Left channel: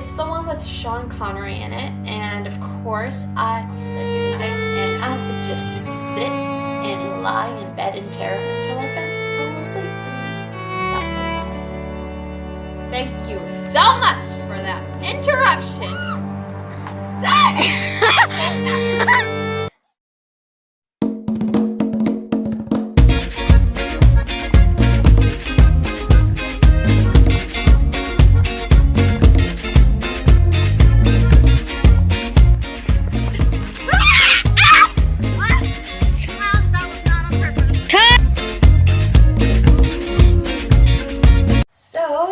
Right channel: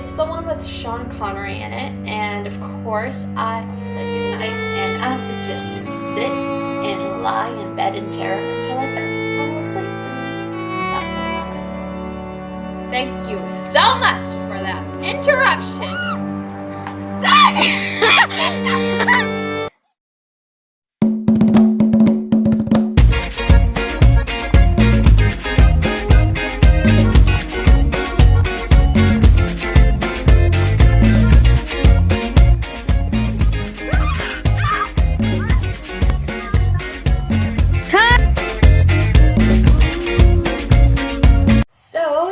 It's the one with Sean Connery in it, and of course I said goodnight, and I would just sit and lie in bed in terror until I fell asleep. And that was all. Thank you so much for that interruption.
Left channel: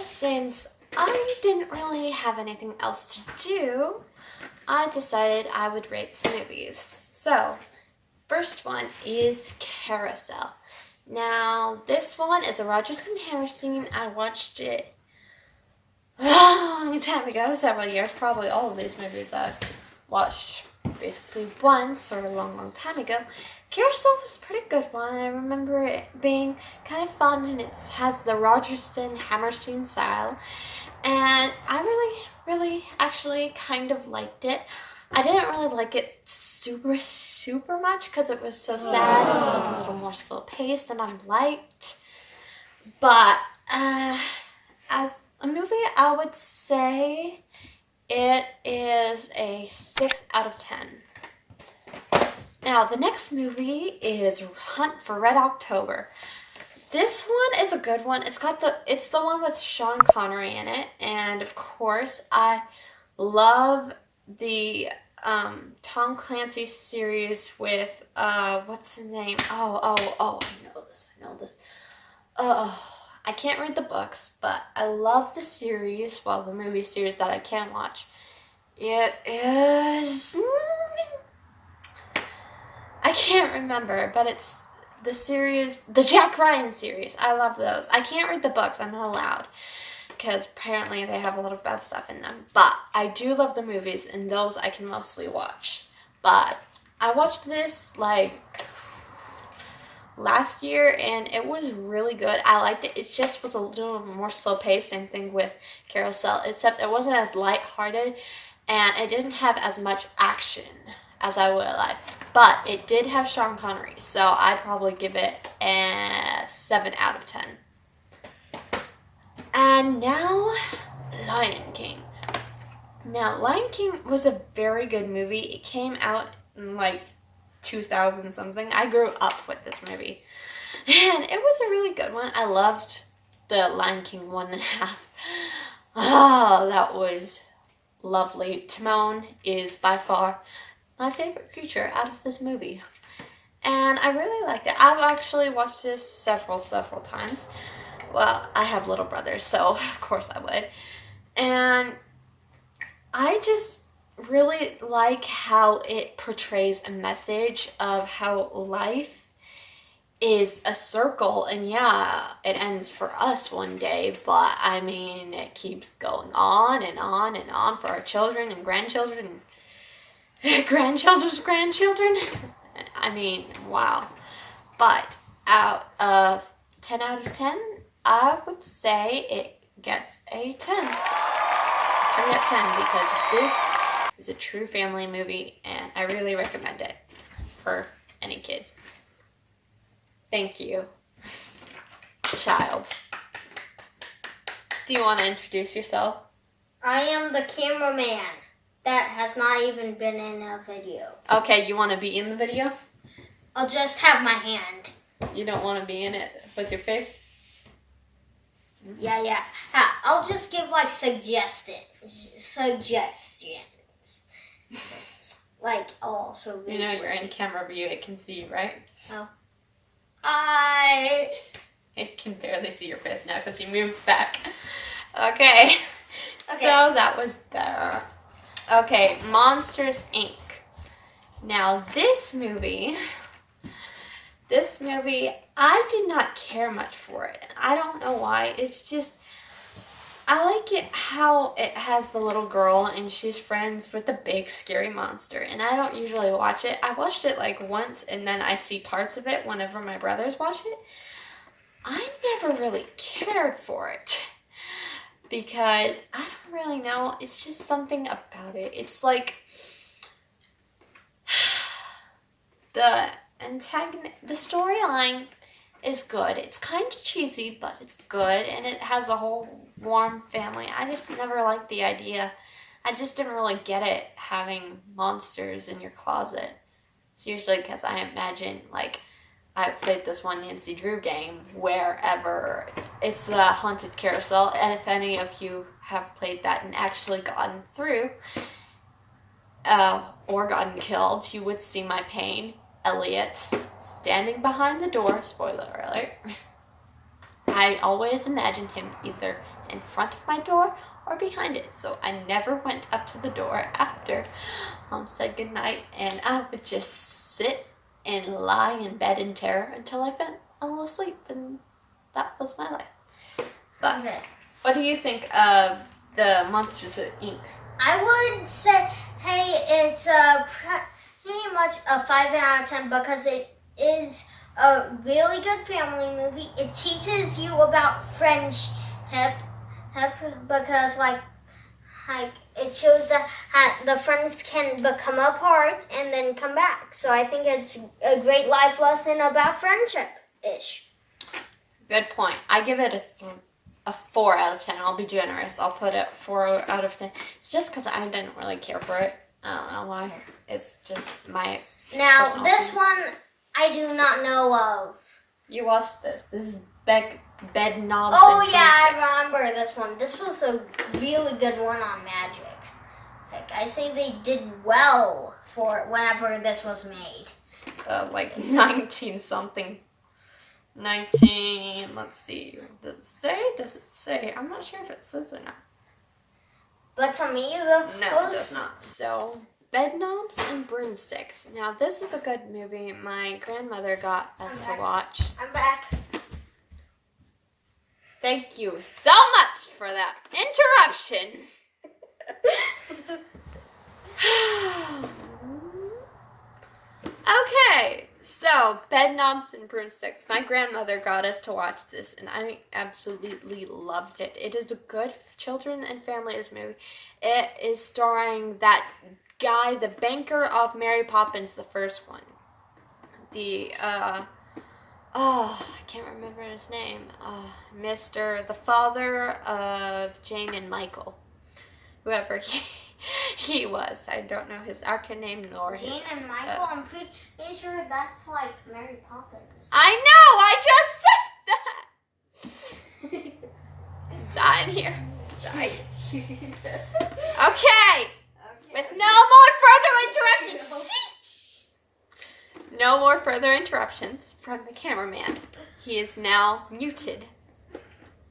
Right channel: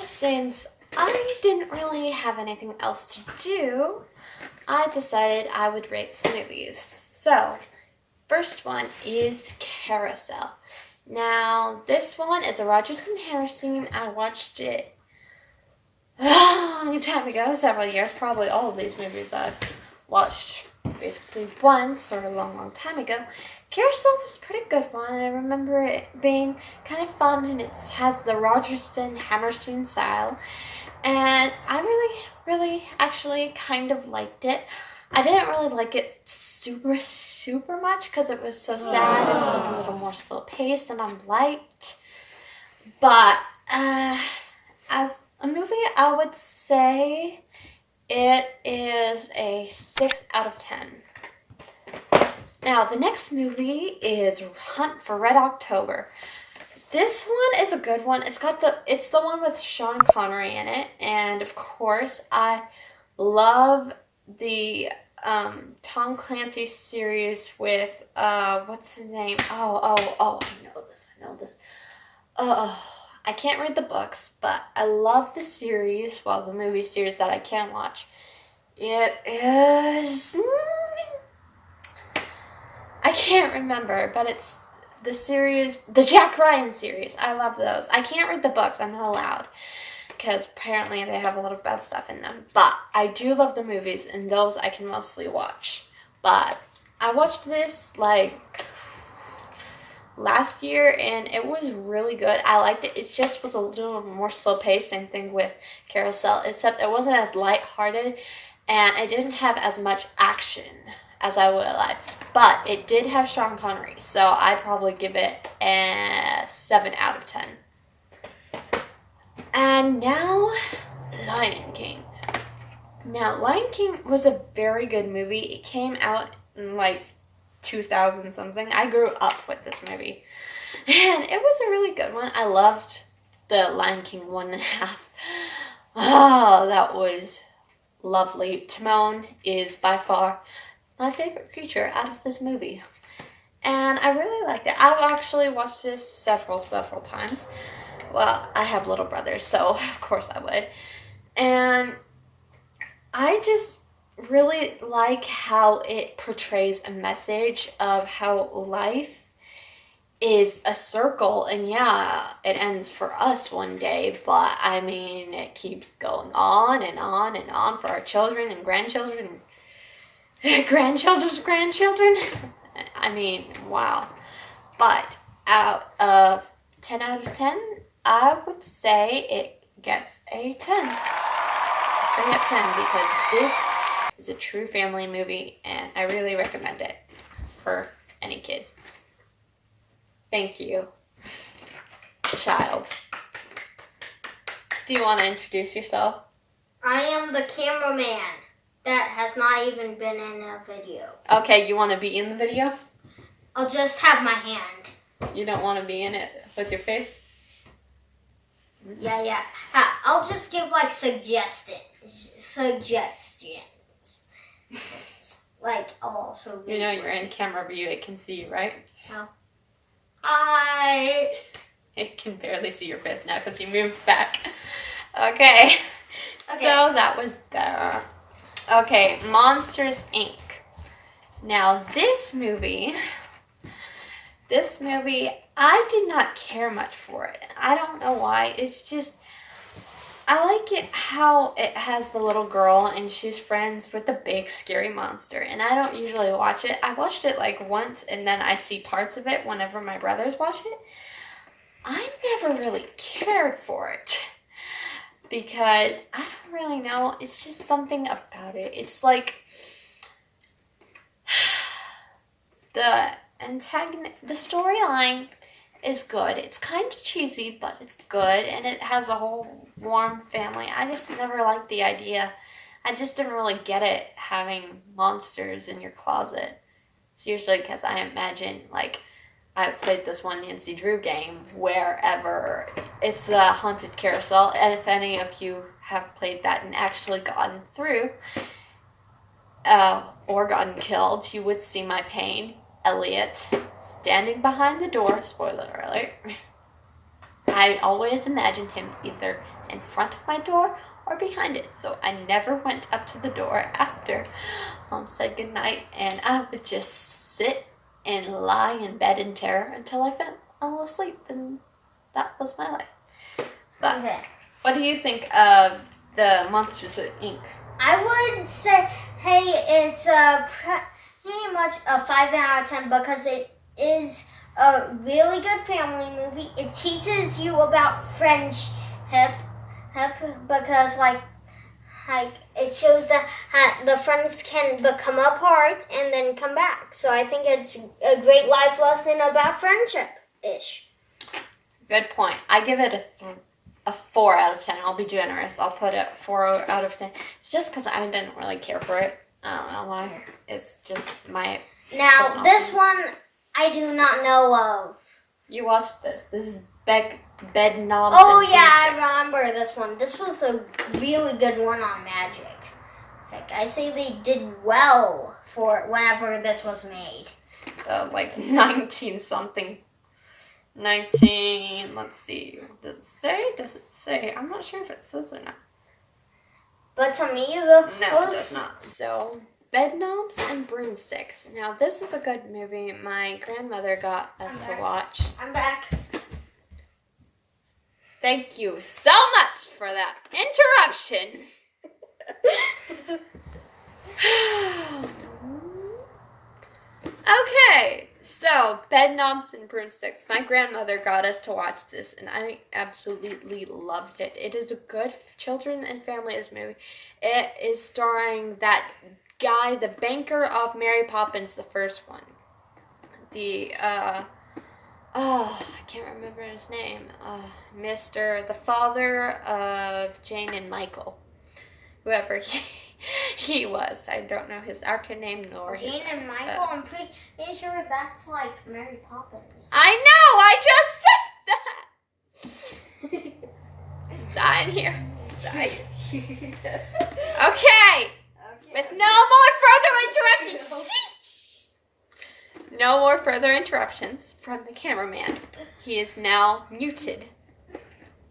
Since I didn't really have anything else to do, I decided I would rate some movies. So, first one is Carousel. Now, this one is a Rodgers and Hammerstein. I watched it a long time ago, several years. Probably all of these movies I've watched basically once or a long time ago. Carousel was a pretty good one. I remember it being kind of fun, and it has the Rodgers and Hammerstein style. And I really actually kind of liked it. I didn't really like it super much because it was so sad and it was a little more slow paced than I liked. But as a movie, I would say it is a 6 out of 10. Now, the next movie is Hunt for Red October. This one is a good one. It's the one with Sean Connery in it, and of course, I love the Tom Clancy series with what's his name? Oh, I know this. I can't read the books, but I love the series. Well, the movie series that I can watch. It is. I can't remember, but it's the series, the Jack Ryan series. I love those. I can't read the books. I'm not allowed because apparently they have a lot of bad stuff in them. But I do love the movies, and those I can mostly watch. But I watched this like last year, and it was really good. I liked it. It just was a little more slow paced. Same thing with Carousel, except it wasn't as lighthearted, and it didn't have as much action as I would like. But it did have Sean Connery, so I'd probably give it a 7 out of 10. And now, Lion King. Now, Lion King was a very good movie. It came out in like 2000 something. I grew up with this movie, and it was a really good one. I loved the Lion King 1.5. Oh, that was lovely. Timon is by far my favorite creature out of this movie, and I really liked it. I've actually watched this several times. Well, I have little brothers, so of course I would. And I just really like how it portrays a message of how life is a circle, and yeah, it ends for us one day, but I mean, it keeps going on and on and on for our children and grandchildren and grandchildren's grandchildren. I mean, wow. But out of 10 out of 10, I would say it gets a 10. Straight up 10, because this is a true family movie, and I really recommend it for any kid. Thank you, child. Do you want to introduce yourself? I am the cameraman that has not even been in a video. Okay, you want to be in the video? I'll just have my hand. You don't want to be in it with your face? Yeah. I'll just give like suggestions. Like, I'll also You know you're in camera view, it can see you, right? Oh. It can barely see your face now because you moved back. Okay. So that was there. Okay, Monsters, Inc. Now, this movie, I did not care much for it. I don't know why. It's just, I like it how it has the little girl and she's friends with the big scary monster. And I don't usually watch it. I watched it like once, and then I see parts of it whenever my brothers watch it. I never really cared for it. because I don't really know. It's just something about it. It's like the storyline is good. It's kind of cheesy, but it's good, and it has a whole warm family. I just never liked the idea. I just didn't really get it having monsters in your closet. It's usually because I imagine, like, I played this one Nancy Drew game wherever it's the haunted carousel, and if any of you have played that and actually gotten through or gotten killed, you would see my pain. Elliot standing behind the door, spoiler alert. I always imagined him either in front of my door or behind it, so I never went up to the door after Mom said goodnight, and I would just sit and lie in bed in terror until I fell asleep, and that was my life. But What do you think of the Monsters Inc.? I would say, hey, it's pretty much a 5 out of 10 because it is a really good family movie. It teaches you about friendship because, like it shows that the friends can become apart and then come back. So I think it's a great life lesson about friendship-ish. Good point. I give it a 4 out of 10. I'll be generous. I'll put it 4 out of 10. It's just because I didn't really care for it. I don't know why. It's just my Now, this one I do not know of. You watched this. This is Bed Knobs Oh, and yeah, Broomsticks. I remember this one. This was a really good one on magic. Like, I say they did well for whenever this was made. Like 19-something. 19, let's see. Does it say? Does it say? I'm not sure if it says or not. But to me, No, it does not. So, Bed Knobs and Broomsticks. Now, this is a good movie. My grandmother got us to watch. I'm back. Thank you so much for that interruption. Okay, so Bed Knobs and Broomsticks. My grandmother got us to watch this, and I absolutely loved it. It is a good children and families movie. It is starring that guy, the banker of Mary Poppins, the first one. I can't remember his name. The father of Jane and Michael. Whoever he was. I don't know his actor name nor his... Jane and Michael, I'm pretty sure that's like Mary Poppins. I know! I just said that! Die in here. Die. Okay. With no more further interruptions. No more further interruptions from the cameraman. He is now muted.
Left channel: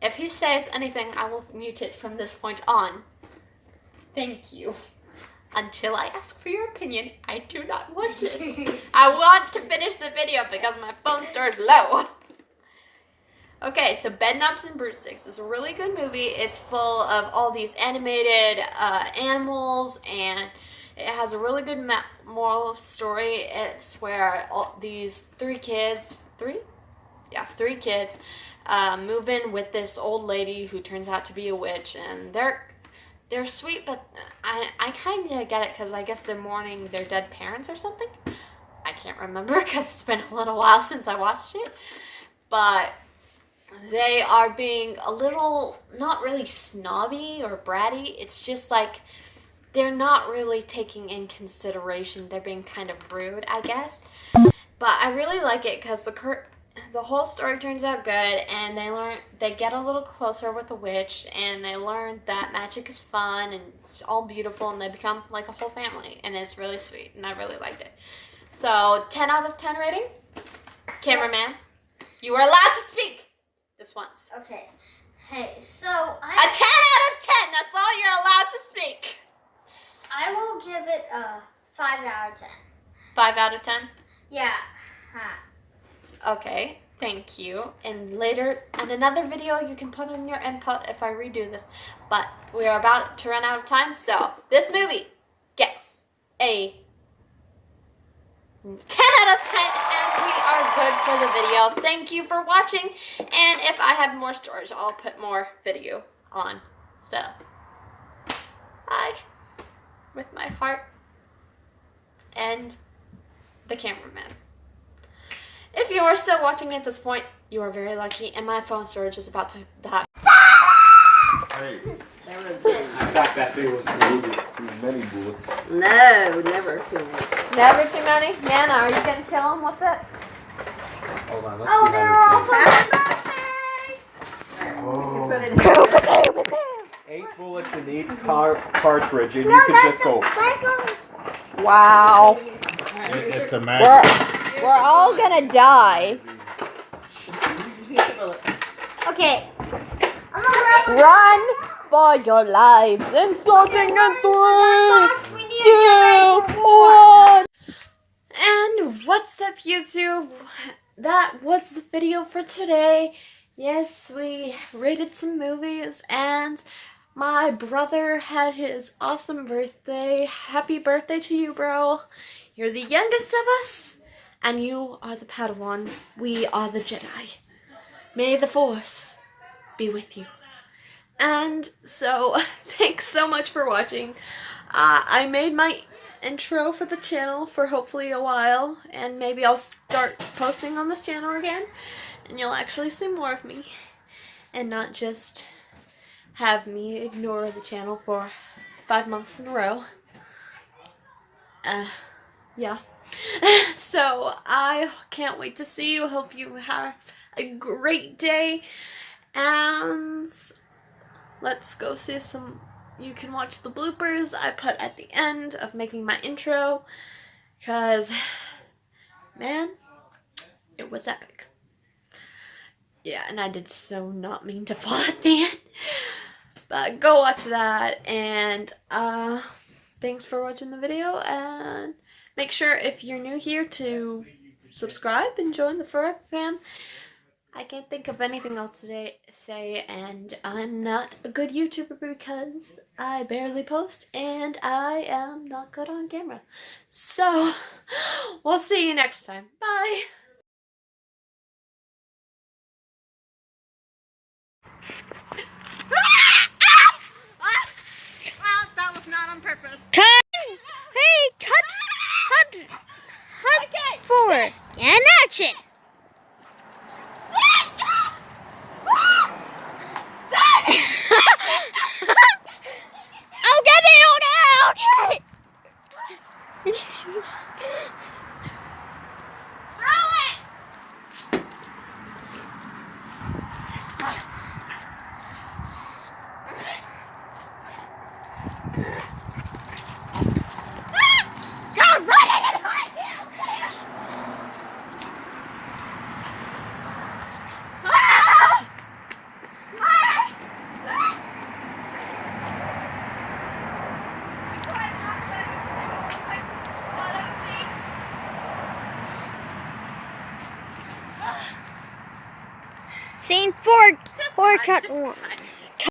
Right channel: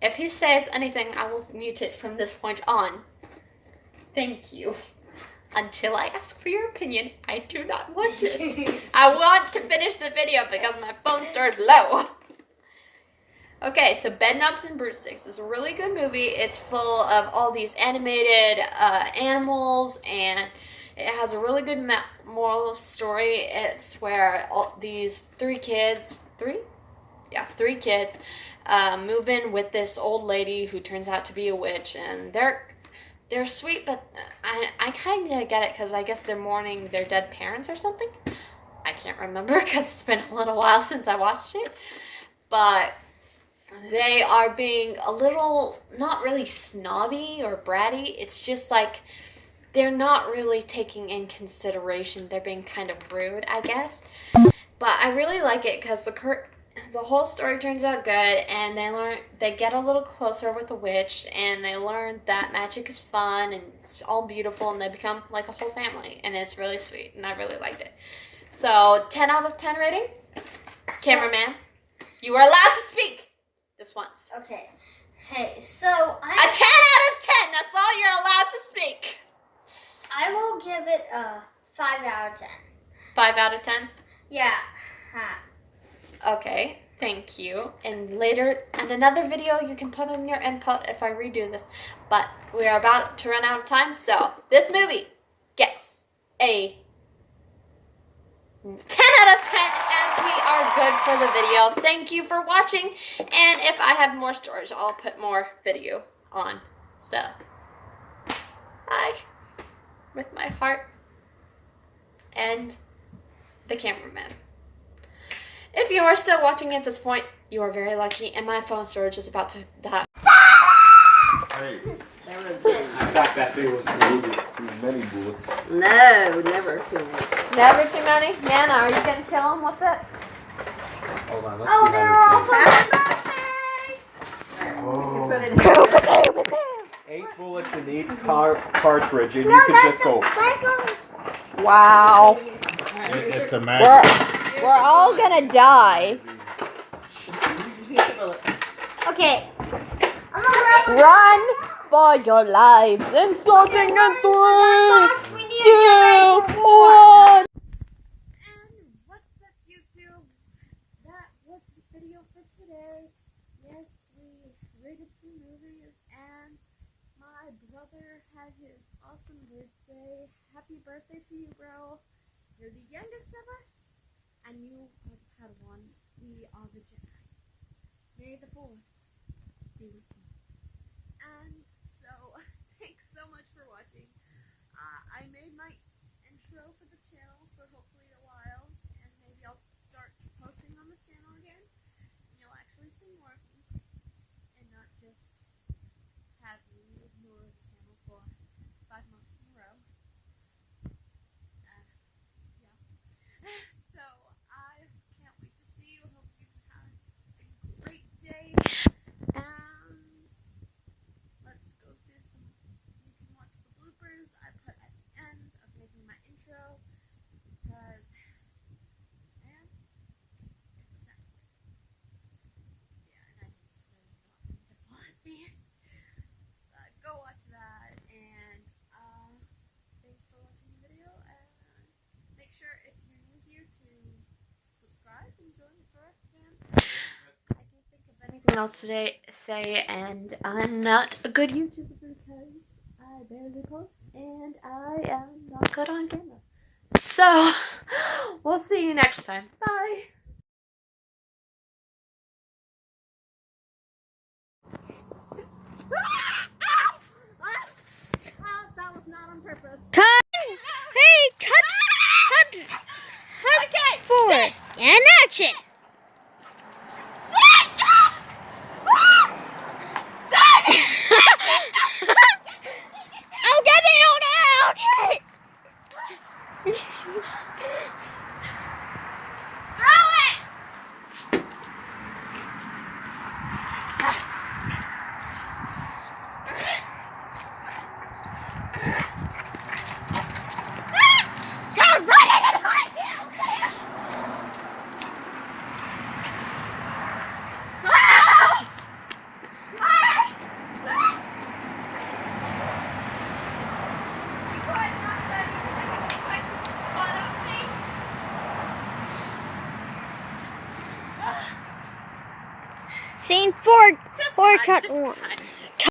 If he says anything, I will mute it from this point on. Thank you. Until I ask for your opinion, I do not want it. I want to finish the video because my phone started low. Okay, so Bed Knobs and Broomsticks is a really good movie. It's full of all these animated animals, and it has a really good moral story. It's where all these three kids move in with this old lady who turns out to be a witch, and they're sweet, but I kind of get it because I guess they're mourning their dead parents or something. I can't remember because it's been a little while since I watched it, but they are being a little, not really snobby or bratty. It's just like they're not really taking in consideration. They're being kind of rude, I guess. But I really like it because the whole story turns out good, and they get a little closer with the witch, and they learn that magic is fun and it's all beautiful, and they become like a whole family, and it's really sweet, and I really liked it. So 10 out of 10 rating. Cameraman, you are allowed to speak this once. Okay. Hey, so a 10 out of 10. That's all you're allowed to speak. I will give it a 5 out of 10. 5 out of 10? Yeah. Okay, thank you. And later, in another video, you can put in your input if I redo this. But we are about to run out of time, so this movie gets a 10 out of 10, and we are good for the video. Thank you for watching, and if I have more stories, I'll put more video on So, I, with my heart and the cameraman. If you are still watching at this point, you are very lucky, and my phone storage is about to die. Hey, I thought that thing was too many bullets. No, never too many. Never too many? Nana, are you gonna kill him with it? Hold on, let's see how this goes. 8 bullets in each cartridge, and you can just go. Wow. It's a magic. We're all gonna die. Okay. Run for your lives in sorting in 3, 2, 1. And what's up, YouTube? That was the video for today. Yes, we rated some movies, and my brother had his awesome birthday. Happy birthday to you, bro. You're the youngest of us, and you are the Padawan. We are the Jedi. May the Force be with you. And so, thanks so much for watching. I made my intro for the channel for hopefully a while, and maybe I'll start posting on this channel again, and you'll actually see more of me, and not just have me ignore the channel for 5 months in a row. Yeah. So, I can't wait to see you. Hope you have a great day, and let's go see some. You can watch the bloopers I put at the end of making my intro, because, man, it was epic. Yeah, and I did so not mean to fall at the end. But go watch that, and thanks for watching the video, and make sure if you're new here to subscribe and join the Forever Fam. I can't think of anything else to say, and I'm not a good YouTuber because I barely post, and I am not good on camera. So, we'll see you next time. Bye! That was not on purpose. Cut! Hey, cut! Okay! Forward and action! I'll get it! I'll get it! Scene 4, cut 1.